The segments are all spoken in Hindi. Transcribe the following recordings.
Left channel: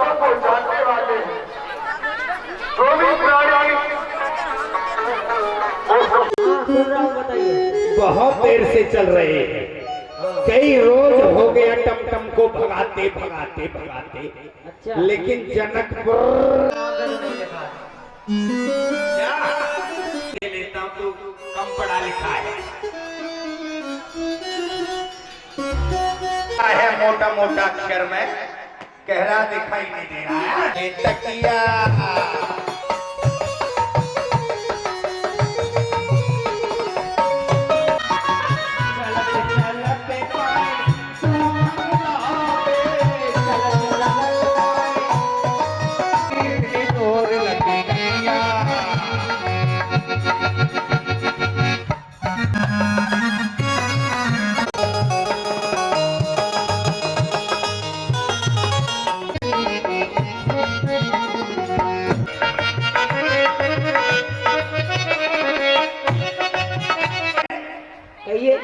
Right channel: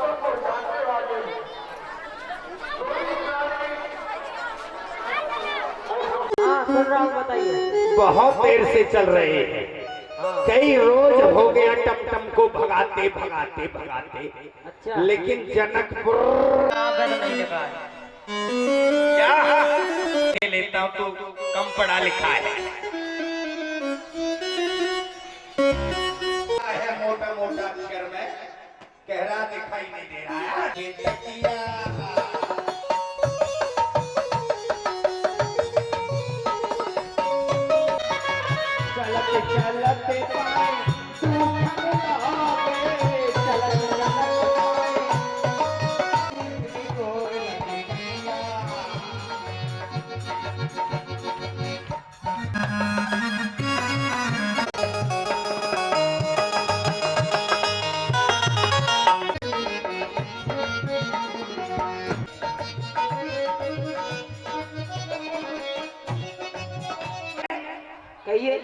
तत्वों को जानने वाले जो भी प्राणी बताइए। बहुत देर से चल रहे हैं, कई रोज हो गया टमटम को भगाते भगाते भगाते। अच्छा। लेकिन जनकपुर क्या लेता हूँ, तू कम पढ़ा लिखा है मोटा मोटा अक्षर में गहरा दिखाई नहीं दे रहा है। तकिया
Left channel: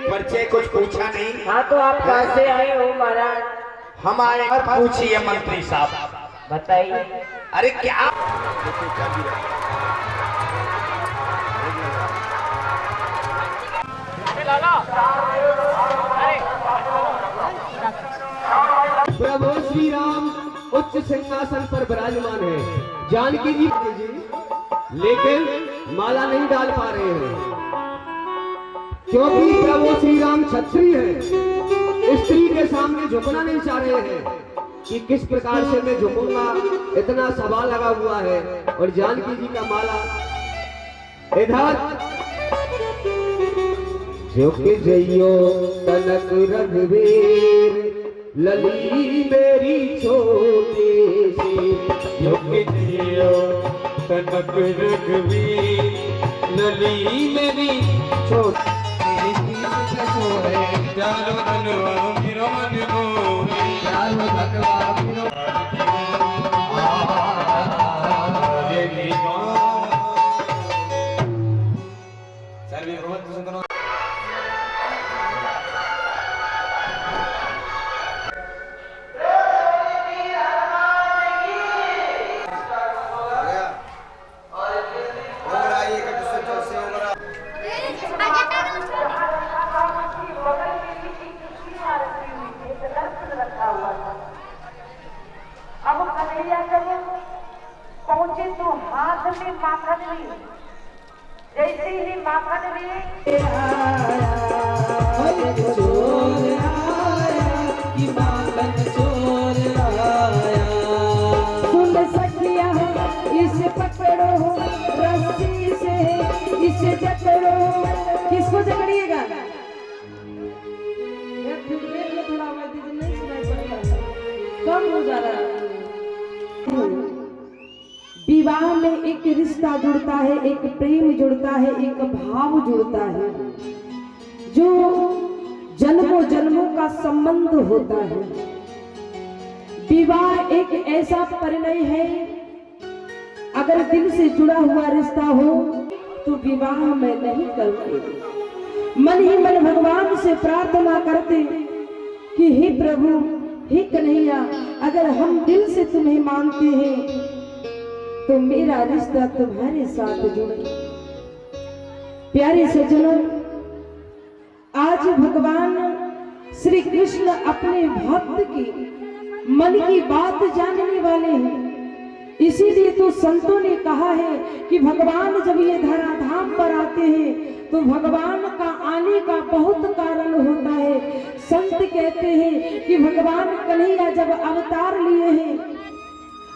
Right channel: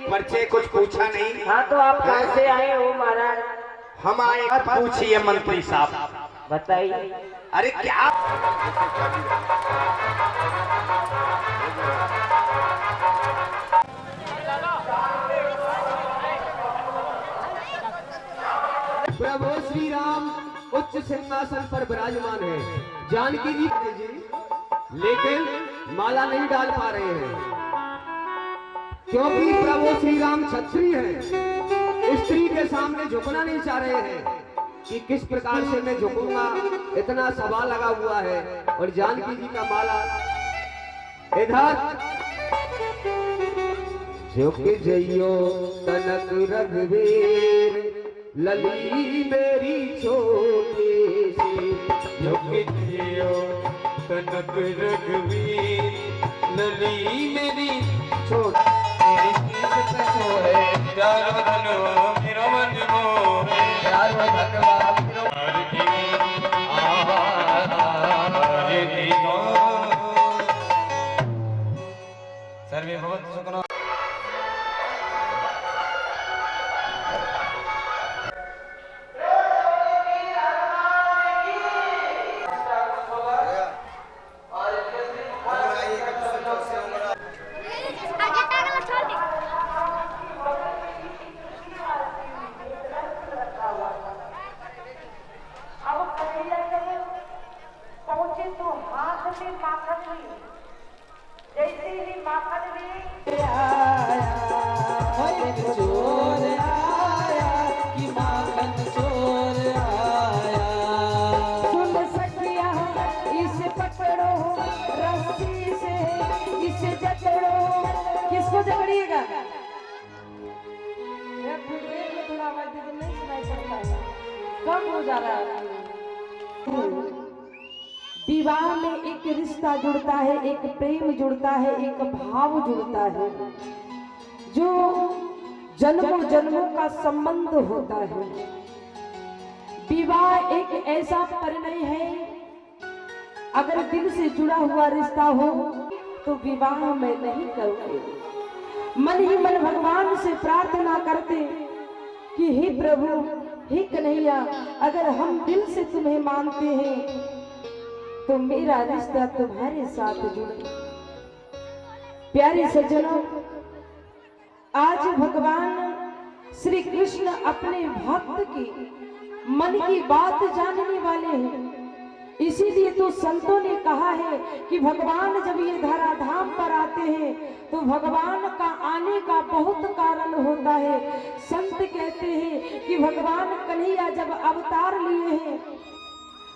परिचय कुछ पूछा नहीं। हाँ तो आप कहाँ से आए हो महाराज? हम आए पूछिए मंत्री साहब। बताइए। अरे क्या प्रभु श्री राम उच्च सिंहासन पर विराजमान है। जानकी जी लेकिन माला नहीं डाल पा रहे हैं, क्योंकि प्रभु श्री राम क्षत्रिय है। स्त्री के सामने झुकना नहीं चाह रहे हैं कि किस प्रकार से मैं झुकूंगा, इतना सवाल लगा हुआ है। और जानकी जी का माला इधर झुक जइयो तनक रघुवीर लली मेरी छोटी सी, झुक जइयो तनक रघुवीर लली मेरी छोटी पहुंचे तो हाथ में माखन ली, जैसे ही माखन ली चोर आया कि माखन चोर आया। सुन सखिया इसे पकड़ो रस्सी से, इसे जकड़ो। किसको जकड़िएगा? थोड़ा आवाज दीजिए, नहीं सुनाई पड़ता, कम हो जा रहा है। विवाह में एक रिश्ता जुड़ता है, एक प्रेम जुड़ता है, एक भाव जुड़ता है, जो जन्मों जन्मों का संबंध होता है। विवाह एक ऐसा परिणय है, अगर दिल से जुड़ा हुआ रिश्ता हो तो विवाह में नहीं करते, मन ही मन भगवान से प्रार्थना करते कि हे प्रभु, हे कन्हैया, अगर हम दिल से तुम्हें मानते हैं तो मेरा रिश्ता तुम्हारे साथ जुड़े। प्यारे सज्जनों, आज भगवान श्री कृष्ण अपने भक्त की मन की बात जानने वाले हैं। इसीलिए तो संतों ने कहा है कि भगवान जब ये धराधाम पर आते हैं तो भगवान का आने का बहुत कारण होता है। संत कहते हैं कि भगवान कन्हैया जब अवतार लिए हैं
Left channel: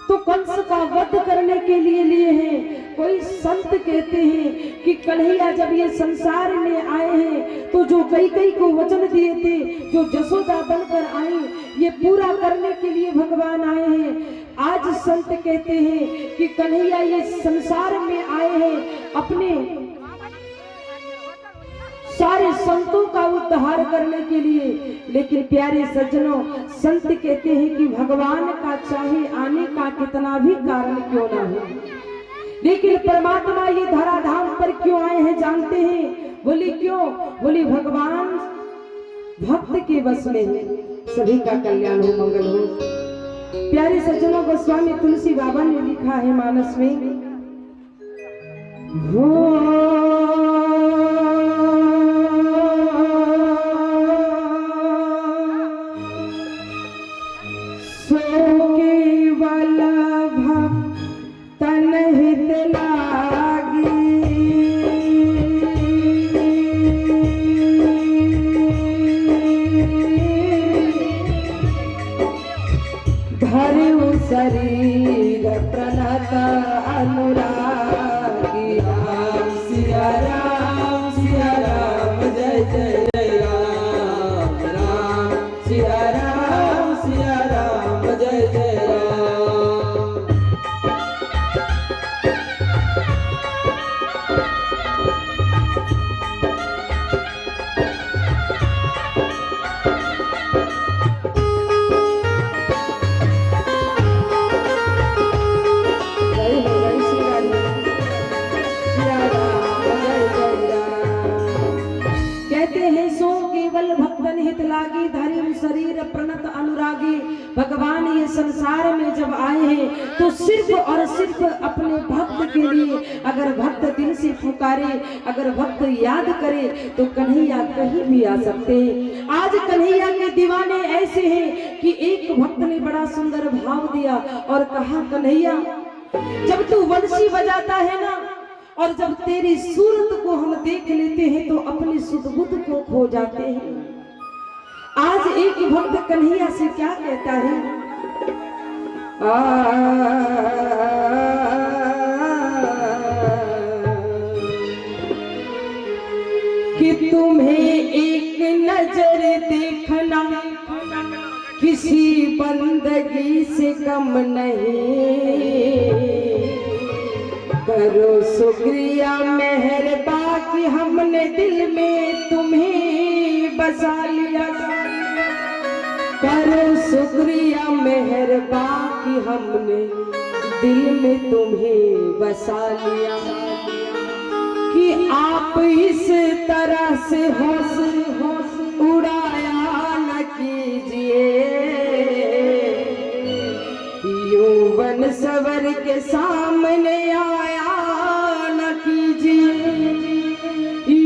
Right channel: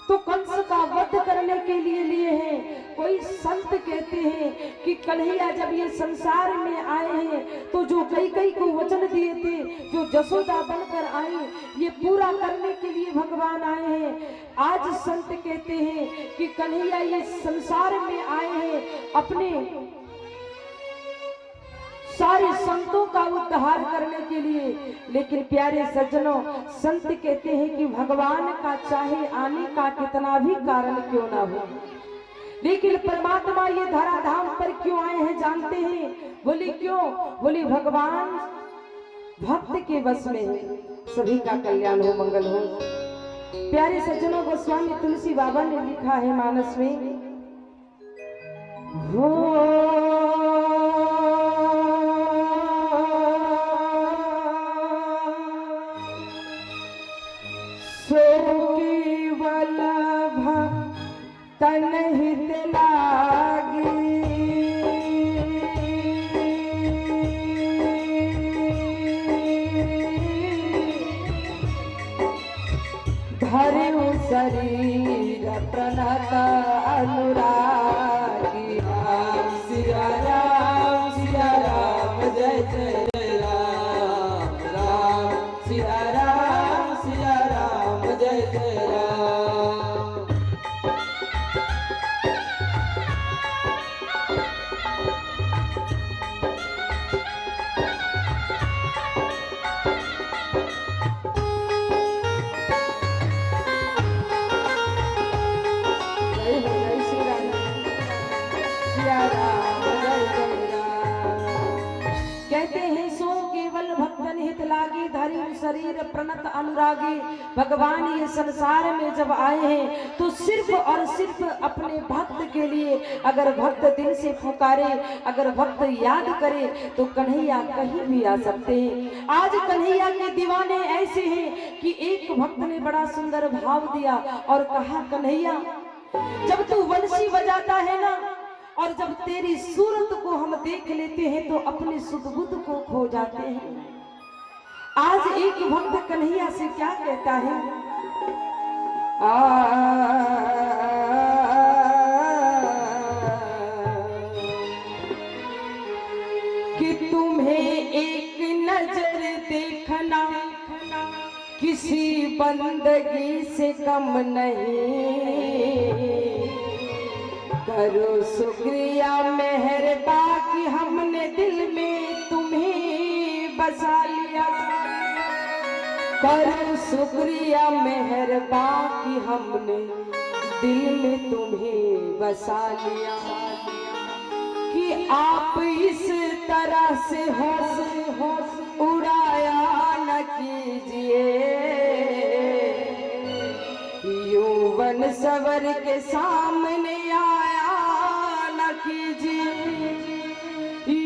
तो कंस का वध करने के लिए हैं। कोई संत कहते हैं कि कन्हैया जब ये संसार में आए हैं तो जो कैकेयी को वचन दिए थे, जो जसोदा बनकर आई, ये पूरा करने के लिए भगवान आए हैं। आज संत कहते हैं कि कन्हैया ये संसार में आए हैं अपने सारे संतों का उद्धार करने के लिए। लेकिन प्यारे सज्जनों, संत कहते हैं कि भगवान का चाहे आने का कितना भी कारण क्यों ना हो, लेकिन परमात्मा ये धराधाम पर क्यों आए हैं जानते हैं? बोले क्यों? बोले भगवान भक्त के बस में है, सभी का कल्याण हो, मंगल हो। प्यारे सज्जनों, गोस्वामी तुलसी बाबा ने लिखा है मानस में, सो केवल भक्तन हित लागी, धरऊ शरीर प्रणत अनुरागी। राम सिया राम जय जय जय राम। राम सिया राम जय जय राम। जय हो जय श्री राम, सिया राम जय जय राम। कहते हैं सो केवल भक्तन हित लागी, धरि शरीर प्रणत अनुरागी। भगवान ये संसार में जब आए हैं तो सिर्फ और सिर्फ अपने भक्त के लिए, अगर भक्त दिल से पुकारे, अगर भक्त याद करे तो कन्हैया कहीं भी आ सकते हैं। आज कन्हैया के दीवाने ऐसे हैं कि एक भक्त ने बड़ा सुंदर भाव दिया और कहा, कन्हैया जब तू बंसी बजाता है ना, और जब तेरी सूरत को हम देख लेते हैं तो अपने सुध बुध को खो जाते हैं। आज एक भक्त कन्हैया से क्या कहता है, कि तुम्हें एक नजर देखना किसी बंदगी से कम नहीं, करो शुक्रिया मेहरबा कि हमने दिल में तुम्हें बसा लिया। करो शुक्रिया मेहरबा कि हमने दिल में तुम्हें बसा लिया, कि आप इस तरह से होश उड़ाया न कीजिए, यौवन सवर के सामने आया न कीजिए,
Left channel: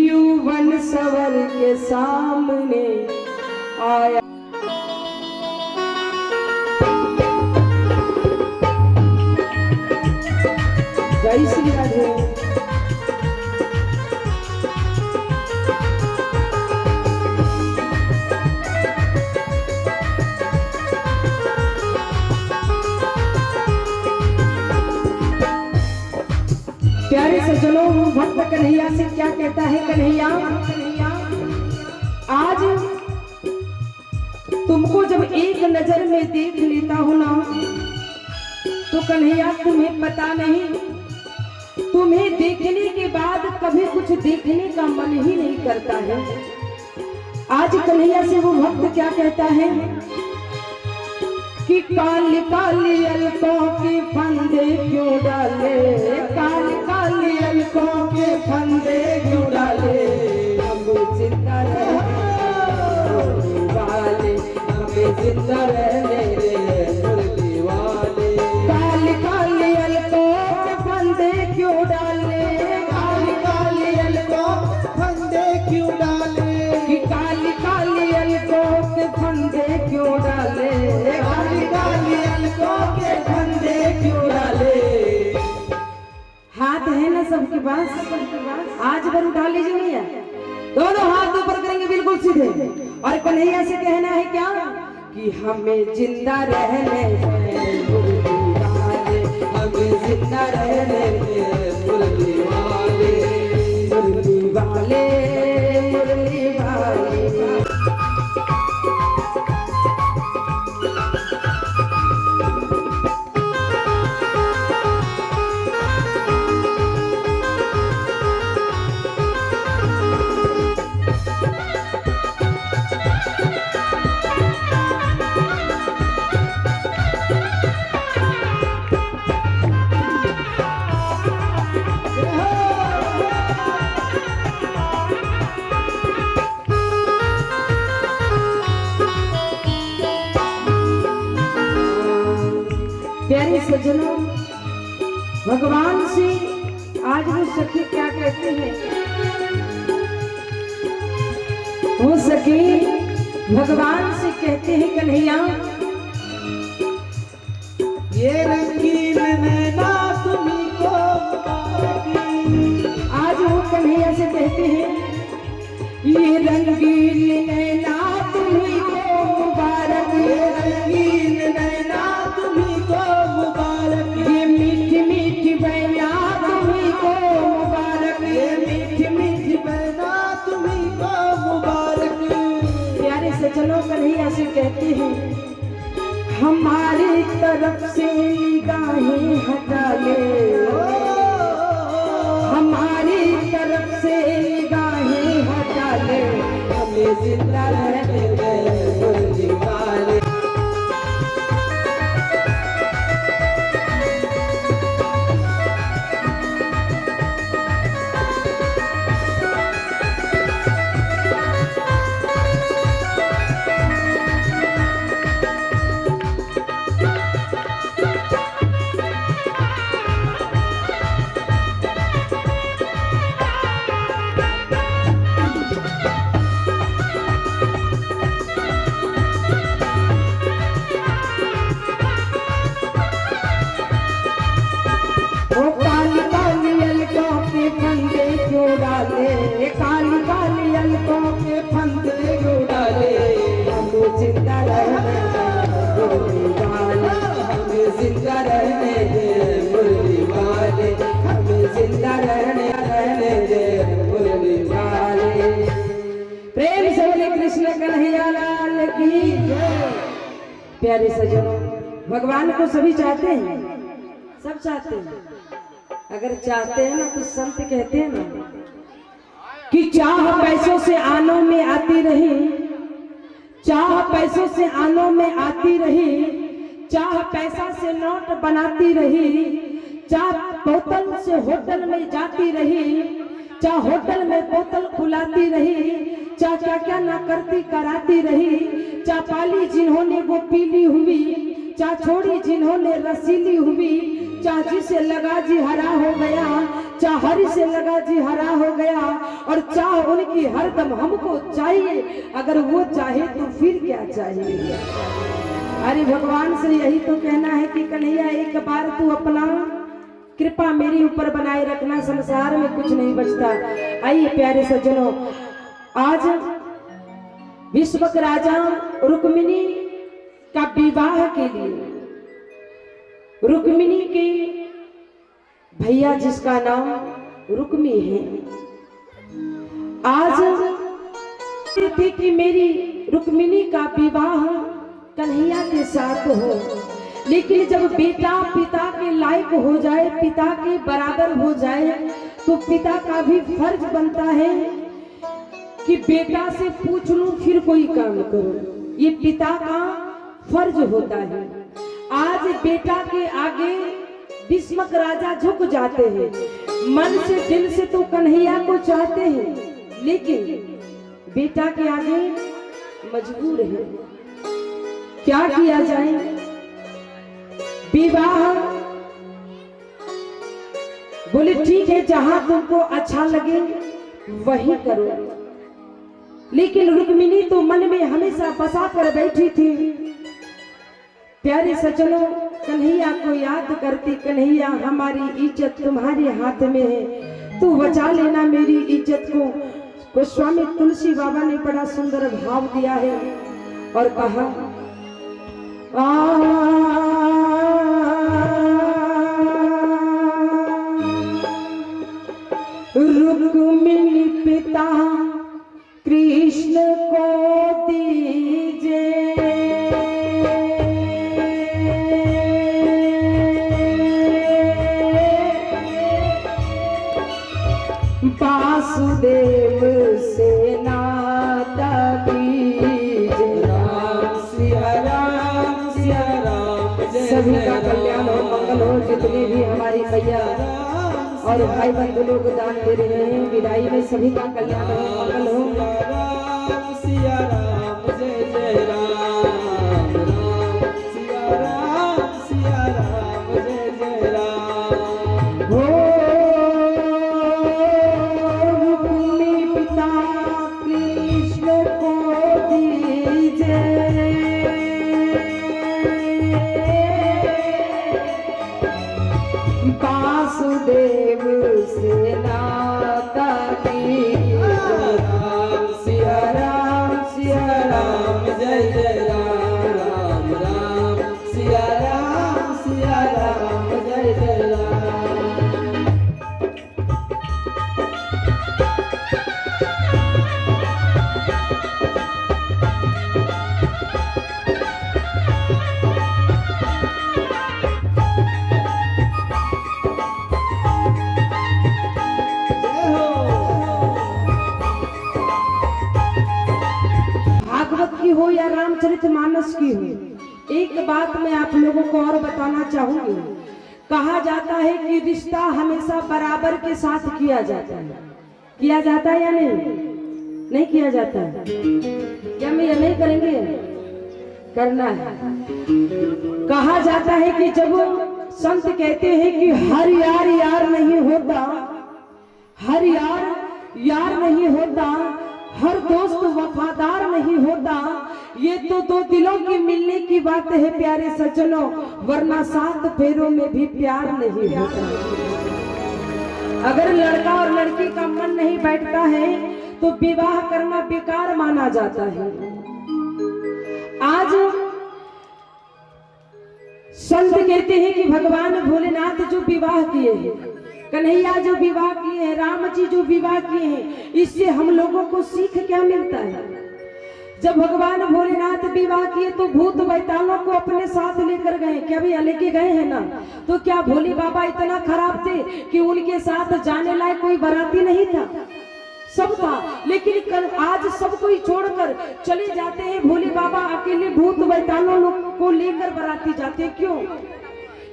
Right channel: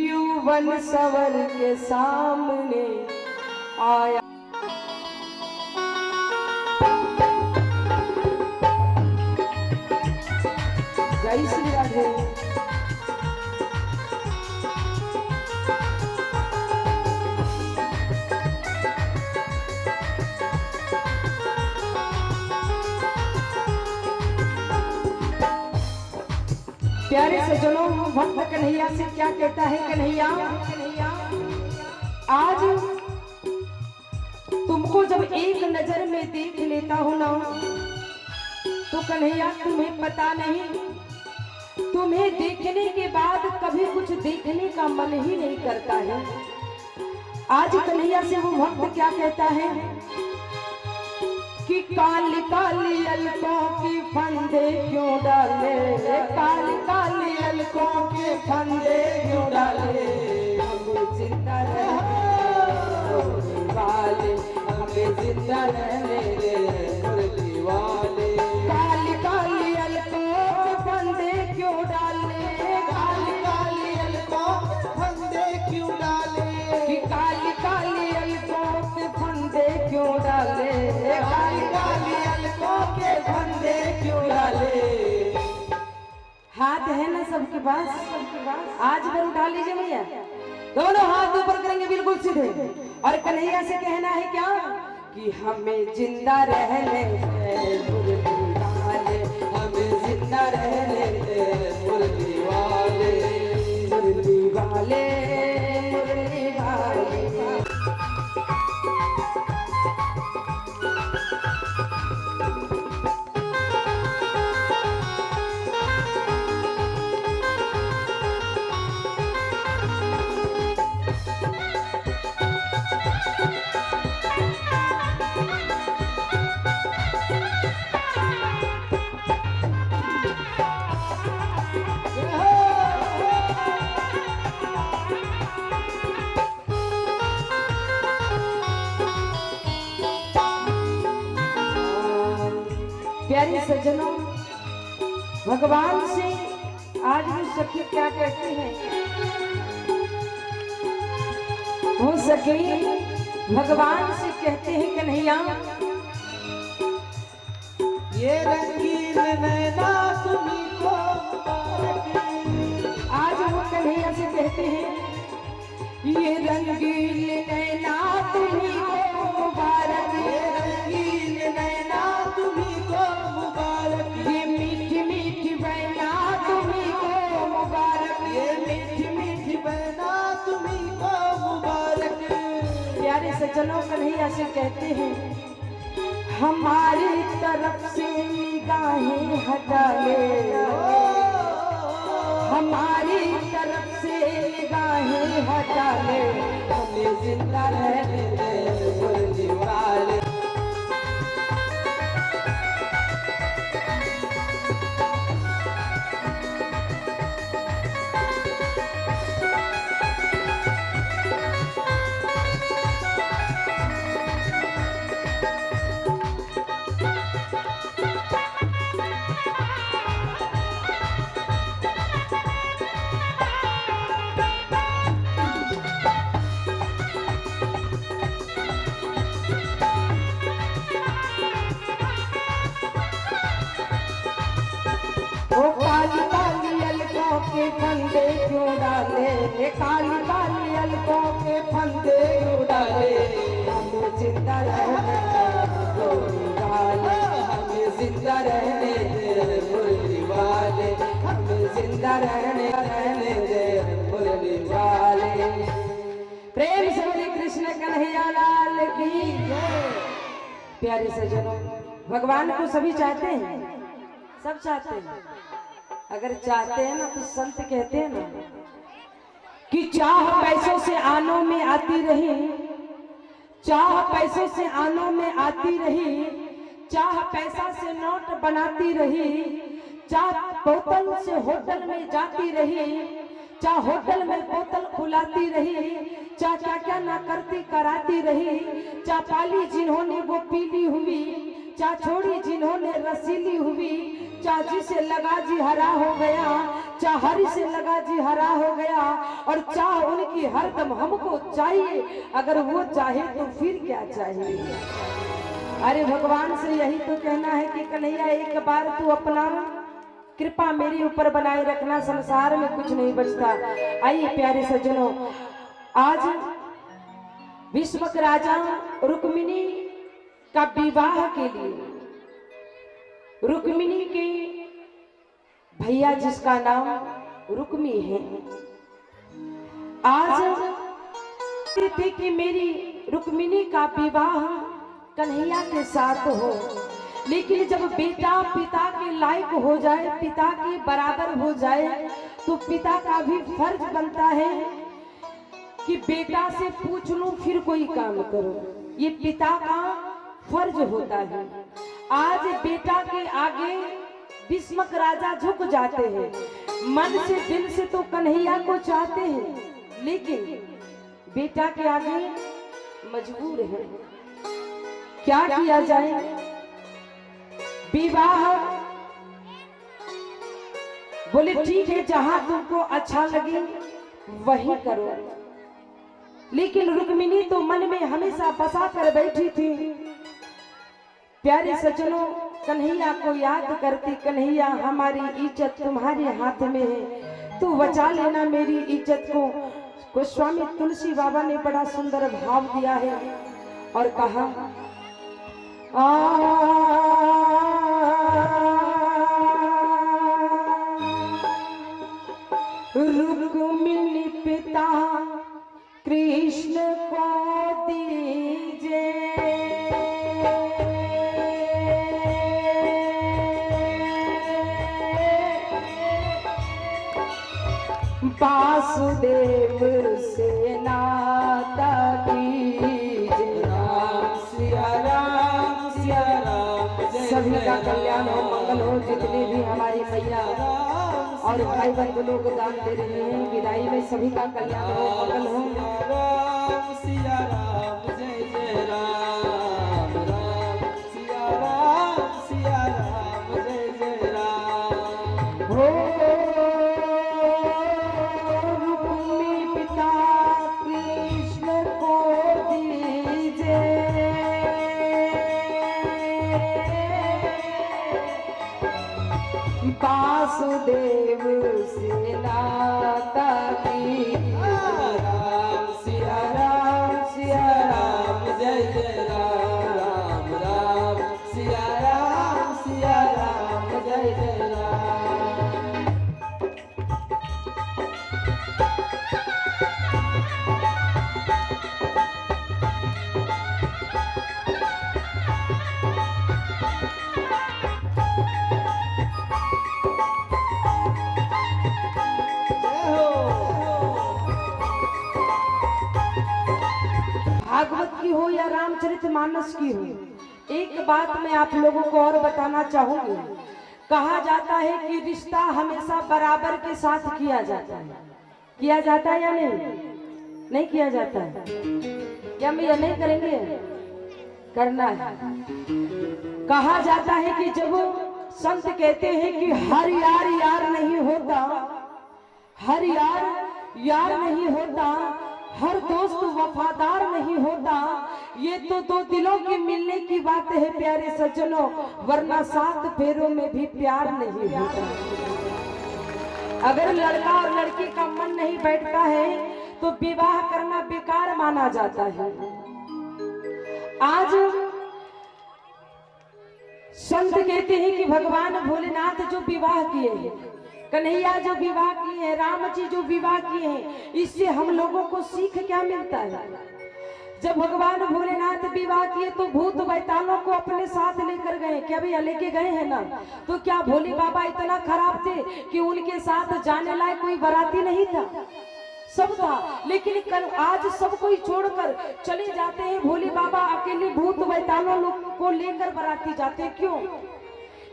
यौवन सवर के सामने आया। जय श्री राधे। प्यारे सज्जनों, भक्त कन्हैया से क्या कहता है, कन्हैया आज तुमको जब एक नजर में देख लेता हूं ना, तो कन्हैया तुम्हें पता नहीं, तुम्हें देखने के बाद कभी कुछ देखने का मन ही नहीं करता है। आज कन्हैया से वो भक्त क्या कहता है कि काली काली अलकों के फंदे क्यों डाले, काली काली अलकों के फंदे क्यों डाले, हम जिंदा रहने वाले, हमें जिंदा रहने दे मुरली वाले। काली काली अलकों के फंदे क्यों डाले, काली काली अलकों के फंदे क्यों डाले, कि काली काली अलकों के फंदे क्यों डाले, काली काली अलकों के फंदे क्यों डाले। हाथ है ना सबके पास, आज बार उठा लीजिए भैया, दोनों हाथ ऊपर करेंगे बिल्कुल सीधे, और कन्हैया से कहना है क्या कि हमें जिंदा रहने दे मुरली वाले, हमें जिंदा रहने दे मुरली वाले, मुरली वाले, मुरली वाले। भगवान से आज वो सखी क्या कहती है, वो सखी भगवान से कहते हैं कन्हैया, ये रंगीन नैना तुम्हीं को मुबारकी। आज वो कन्हैया से कहते हैं, ये रंगीन नैना तुम्हीं को मुबारक, ये रंगीन नैना तुम्हीं को मुबारक। ये मीठी मीठी बहना तुम्हीं को मुबारक, ये मीठी मीठी बहना तुम्हीं को मुबारक। प्यारे सज्जनों कन्हैया से कहते हैं, हमारी तरफ से निगाहें हटा ले, हमारी तरफ से निगाहें हटा ले, हमें जिंदा रहने दे मुरली वाले। वो काली काली अलकों के फंदे क्यों डाले, काली काली अलकों के फंदे क्यों डाले, हमें जिंदा रहने दे मुरली वाले, हमें जिंदा रहने दे मुरली वाले। हमें जिंदा रहने दे मुरली वाले। प्रेम से बोले कृष्ण कन्हैया लाल की जय। प्यारे सज्जनों, भगवान को सभी चाहते हैं, सब चाहते हैं। अगर चाहते हैं ना तो संत कहते हैं ना कि चाह पैसों से आनों में आती रही, चाह पैसों से आनों में आती रही, चाह पैसा से नोट बनाती रही, चाह बोतल से होटल में जाती रही, चाह होटल में बोतल खुलाती रही, चाह क्या क्या ना करती कराती रही, चाह पाली जिन्होंने वो पीली हुई, चाह छोड़ी जिन्होंने रसीली हुई, चाह जिसे लगा जी हरा हो गया, चाह हरी से लगा जी हरा हो गया, और चाह उनकी हरदम हमको चाहिए, अगर वो चाहे तो फिर क्या चाहिए। अरे भगवान से यही तो कहना है कि कन्हैया एक बार तू अपना कृपा मेरे ऊपर बनाए रखना, संसार में कुछ नहीं बचता। आइए प्यारे सज्जनों, आज विश्व के राजा रुक्मिणी का विवाह के लिए, रुक्मिणी के भैया जिसका नाम रुक्मी है, आज थे कि मेरी रुक्मिणी का विवाह कन्हैया के साथ हो, लेकिन जब बेटा पिता के लायक हो जाए, पिता के बराबर हो जाए, तो पिता का भी फर्ज बनता है कि बेटा से पूछ लूं फिर कोई काम करूं। ये पिता का फर्ज होता है। आज बेटा के आगे भीष्मक राजा झुक जाते हैं, मन से दिल से तो कन्हैया को चाहते हैं, लेकिन बेटा के आगे मजबूर है। क्या किया जाए? विवाह बोले ठीक है, जहां तुमको अच्छा लगे वही करो, लेकिन रुक्मिणी तो मन में हमेशा बसा कर बैठी थी। प्यारे सज्जनों, कन्हैया को याद करती, कन्हैया हमारी इज्जत तुम्हारे हाथ में है, तू बचा लेना मेरी इज्जत को। गोस्वामी तुलसी बाबा ने बड़ा सुंदर भाव दिया है और कहा, रुक्मिणी पिता कृष्ण को दीजे, वासुदेव से नाता कीजे। राम सिया राम सिया राम, जय सभी जय का कल्याण हो, मंगल हो। जितनी भी हमारी मैया और भाई बंधु लोग दान दे रहे हैं, विदाई में सभी का कल्याण हो, मंगल हो। राम सिया राम, जय जय राम। राम सिया राम, सिया राम, जय जय राम। की हो या रामचरितमानस की हो, एक बात मैं आप लोगों को और बताना चाहूंगी। कहा जाता है कि रिश्ता हमेशा बराबर के साथ किया जाता है। किया जाता है या नहीं? नहीं किया जाता है क्या? मैं ये नहीं करेंगे, करना है। कहा जाता है कि जब संत कहते हैं कि हर यार यार नहीं होता, हर यार यार नहीं होता, हर दोस्त वफादार नहीं होता, ये तो दो दिलों के मिलने की बात है प्यारे सज्जनों, वरना 7 फेरों में भी प्यार नहीं होता। अगर लड़का और लड़की का मन नहीं बैठता है तो विवाह करना बेकार माना जाता है। आज संत कहते हैं कि भगवान भोलेनाथ जो विवाह किए हैं, कन्हैया जो विवाह किए हैं, राम जी जो विवाह किए हैं, इससे हम लोगों को सीख क्या मिलता है? जब भगवान भोलेनाथ विवाह किए तो भूत बैतालों को अपने साथ लेकर गए। क्या भैया लेके गए हैं ना? तो क्या भोले बाबा इतना खराब थे कि उनके साथ जाने लायक कोई बाराती नहीं था? सब था, लेकिन कल आज सब कोई छोड़कर चले जाते हैं। भोले बाबा अकेले भूत बैतालों को लेकर बाराती जाते हैं। क्यों?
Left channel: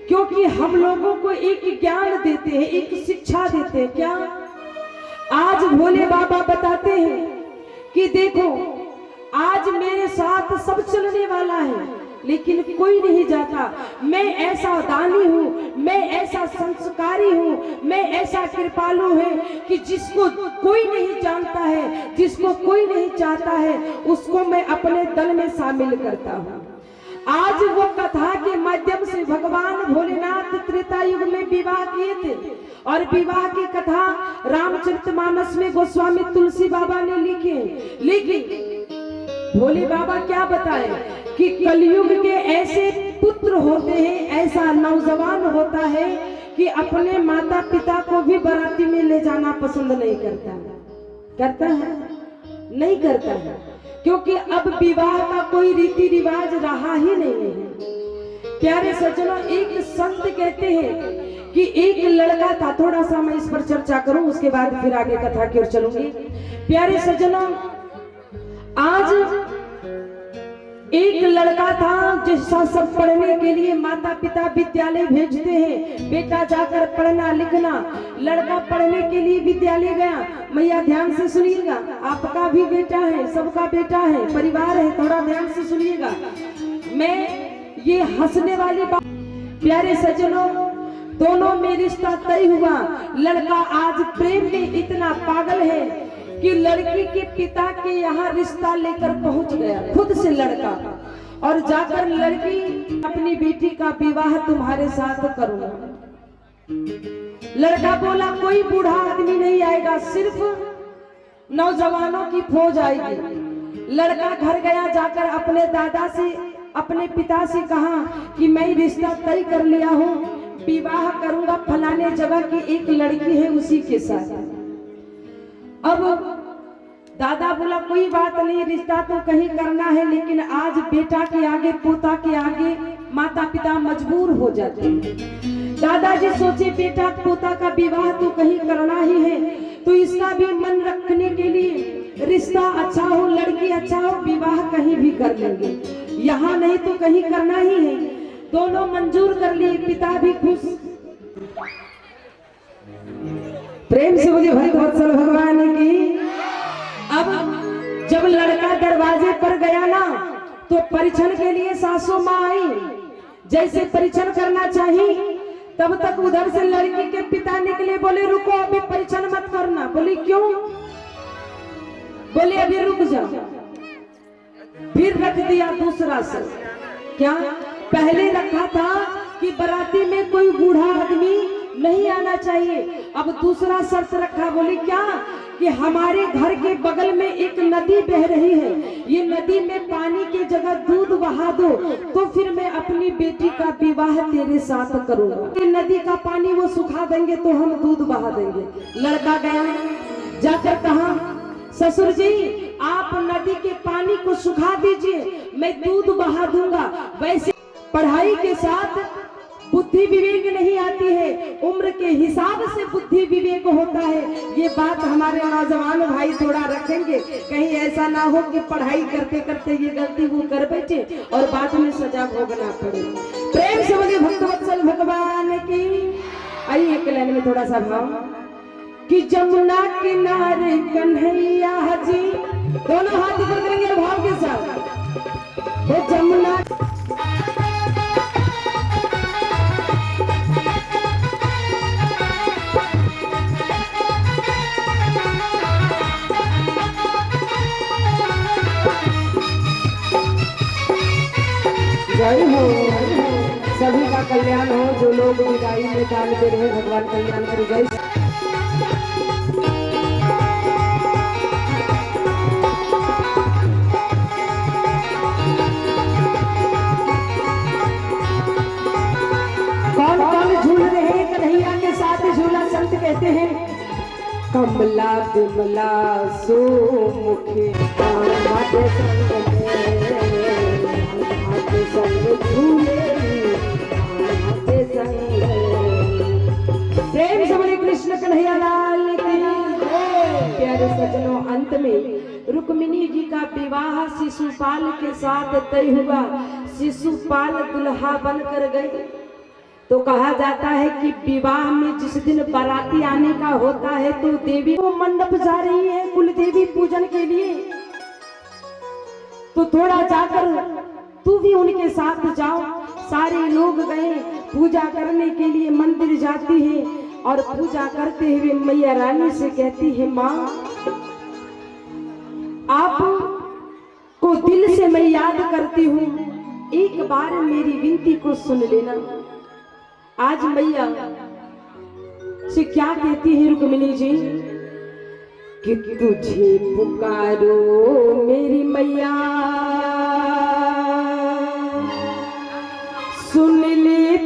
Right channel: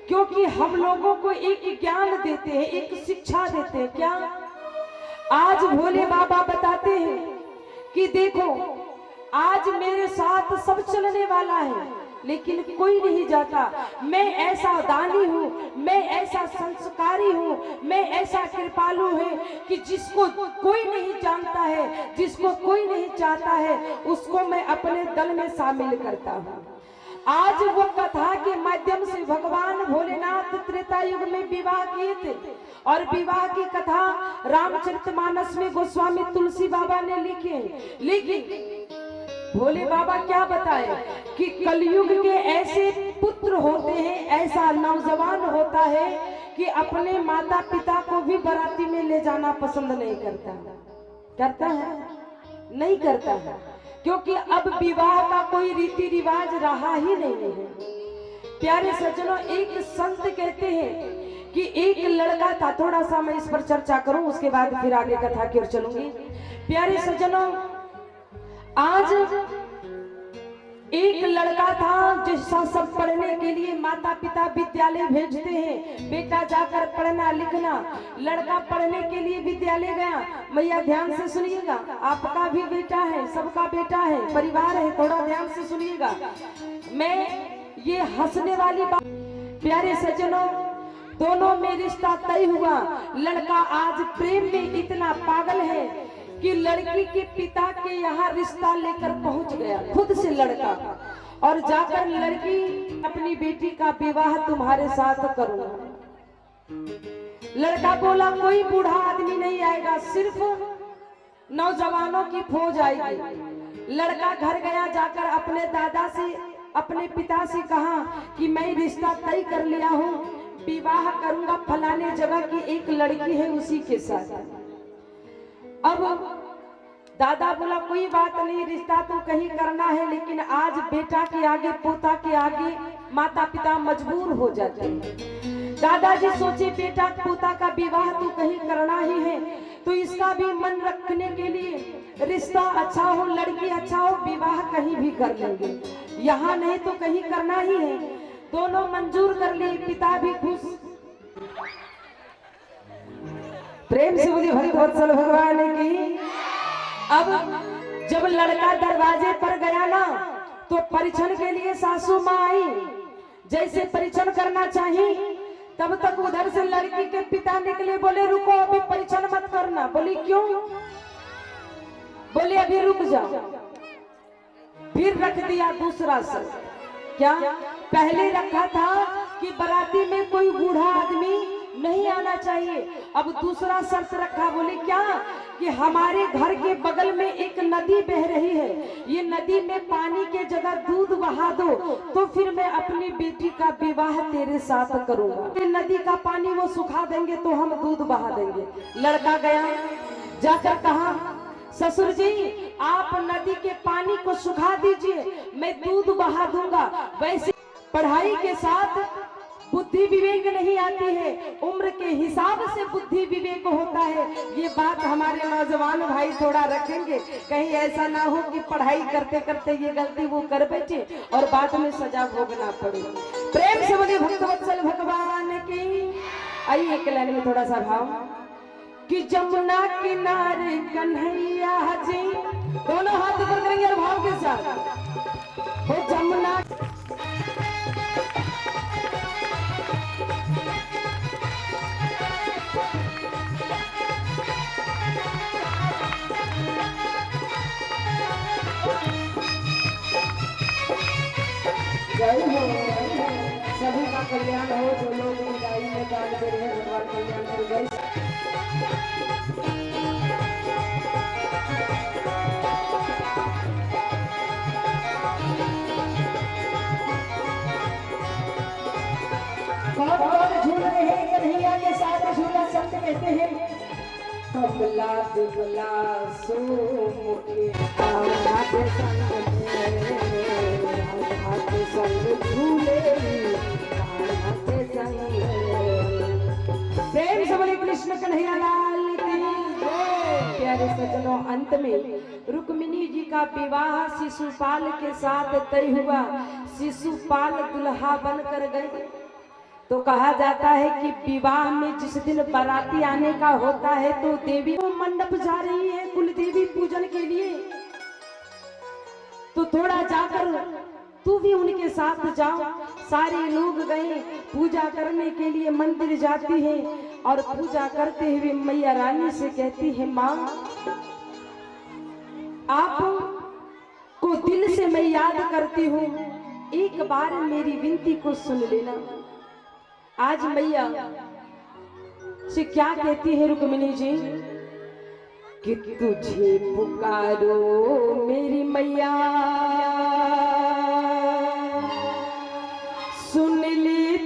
क्योंकि हम लोगों को एक ज्ञान देते हैं, एक शिक्षा देते हैं। क्या? आज भोले बाबा बताते हैं कि देखो आज मेरे साथ सब चलने वाला है, लेकिन कोई नहीं जाता। मैं ऐसा दानी हूँ, मैं ऐसा संस्कारी हूँ, मैं ऐसा कृपालु है कि जिसको कोई नहीं जानता है, जिसको कोई नहीं चाहता है, उसको मैं अपने दल में शामिल करता हूँ। आज वो कथा के माध्यम से भगवान भोलेनाथ त्रेता युग में विवाह किए थे और विवाह की कथा रामचरितमानस में गोस्वामी तुलसी बाबा ने लिखी। लेकिन भोले बाबा क्या बताए कि कलयुग के ऐसे पुत्र होते हैं, ऐसा नौजवान होता है कि अपने माता पिता को भी बाराती में ले जाना पसंद नहीं करता। करता है? नहीं करता है, क्योंकि अब विवाह का कोई रीति रिवाज रहा ही नहीं है। प्यारे सज्जनों, एक संत कहते हैं कि एक लड़का था, थोड़ा सा मैं इस पर चर्चा करूं, उसके बाद फिर आगे कथा की ओर चलूंगी। प्यारे सज्जनों, आज एक लड़का था जिसका सब पढ़ने के लिए माता पिता विद्यालय भेजते हैं, बेटा जाकर पढ़ना लिखना। लड़का पढ़ने के लिए विद्यालय गया। मैया ध्यान से सुनिएगा, आपका भी बेटा है, सबका बेटा है, परिवार है, थोड़ा ध्यान से सुनिएगा। मैं ये हंसने वाली बात, प्यारे सज्जनों, दोनों में रिश्ता तय हुआ। लड़का आज प्रेम में इतना पागल है कि लड़की के पिता के यहाँ रिश्ता लेकर पहुंच गया, खुद से लड़का, और जाकर लड़की अपनी बेटी का विवाह तुम्हारे साथ करूंगा। लड़का बोला कोई बूढ़ा आदमी नहीं आएगा, सिर्फ नौजवानों की फौज आएगी। लड़का घर गया, जाकर अपने दादा से, अपने पिता से कहा कि मैं रिश्ता तय कर लिया हूँ, विवाह करूंगा फलाने जगह की एक लड़की है उसी के साथ। अब दादा बोला कोई बात नहीं, रिश्ता तो कहीं करना है, लेकिन आज बेटा के आगे, पोता के आगे माता पिता मजबूर हो जाते हैं। दादाजी सोचे बेटा पोता का विवाह तो कहीं करना ही है, तो इसका भी मन रखने के लिए रिश्ता अच्छा हो, लड़की अच्छा हो, विवाह कहीं भी कर लेंगे, यहाँ नहीं तो कहीं करना ही है। दोनों मंजूर कर लिए, पिता भी खुश। प्रेम से मुझे भक्तवत्सल भगवान की। अब जब लड़का दरवाजे पर गया ना, तो परीक्षण के लिए सासू माँ आई। जैसे परीक्षण करना चाहिए, तब तक उधर से लड़की के पिता निकले, बोले रुको अभी परीक्षण मत करना। बोली क्यों? बोले अभी रुक जाओ। फिर रख दिया दूसरा शर्त। क्या? पहले रखा था कि बाराती में कोई बूढ़ा आदमी नहीं आना चाहिए, अब दूसरा शर्त रखा। बोले क्या? कि हमारे घर के बगल में एक नदी बह रही है, ये नदी में पानी के जगह दूध बहा दो, तो फिर मैं अपनी बेटी का विवाह तेरे साथ करूंगा। नदी का पानी वो सुखा देंगे तो हम दूध बहा देंगे। लड़का गया, जाकर कहा ससुर जी आप नदी के पानी को सुखा दीजिए, मैं दूध बहा दूंगा। वैसे पढ़ाई के साथ बुद्धि विवेक नहीं आती है, उम्र के हिसाब से बुद्धि विवेक होता है। ये बात हमारे नौजवान भाई थोड़ा रखेंगे, कहीं ऐसा ना हो कि पढ़ाई करते करते ये गलती वो कर बैठे और बाद में सजा भोगना पड़े। प्रेम से बोलिए भक्तवत्सल भगवान की। आइए एक लाइन में थोड़ा सा भाव कि जमुना किनारे कन्हैया जी, दोनों हाथ ऊपर करेंगे और भाव के साथ। हे जमुना जय हो, सभी का कल्याण हो। जो लोग विदाई में दान दे रहे हैं, भगवान कल्याण करे। जय कौन कौन झूल रहे हैं कन्हैया के साथ झूला? संत कहते हैं कमला विमला सुमुखी राधे संग झूले राधे संग। प्रेम से बोले कृष्ण कन्हैया लाल की। प्यारे सज्जनों, अंत में रुक्मिणी जी का विवाह शिशुपाल के साथ तय हुआ। शिशुपाल दुल्हा बनकर गए। तो कहा जाता है कि विवाह में जिस दिन बाराती आने का होता है तो देवी वो मंडप जा रही है कुल देवी पूजन के लिए, तो थोड़ा जाकर तू भी उनके साथ जाओ। सारे लोग गए पूजा करने के लिए, मंदिर जाती है और पूजा करते हुए मैया रानी से कहती है, माँ आप को दिल से मैं याद करती हूँ, एक बार मेरी विनती को सुन लेना। आज मैया से क्या कहती है रुक्मिणी जी कि तुझे पुकारो मेरी मैया, सुन ले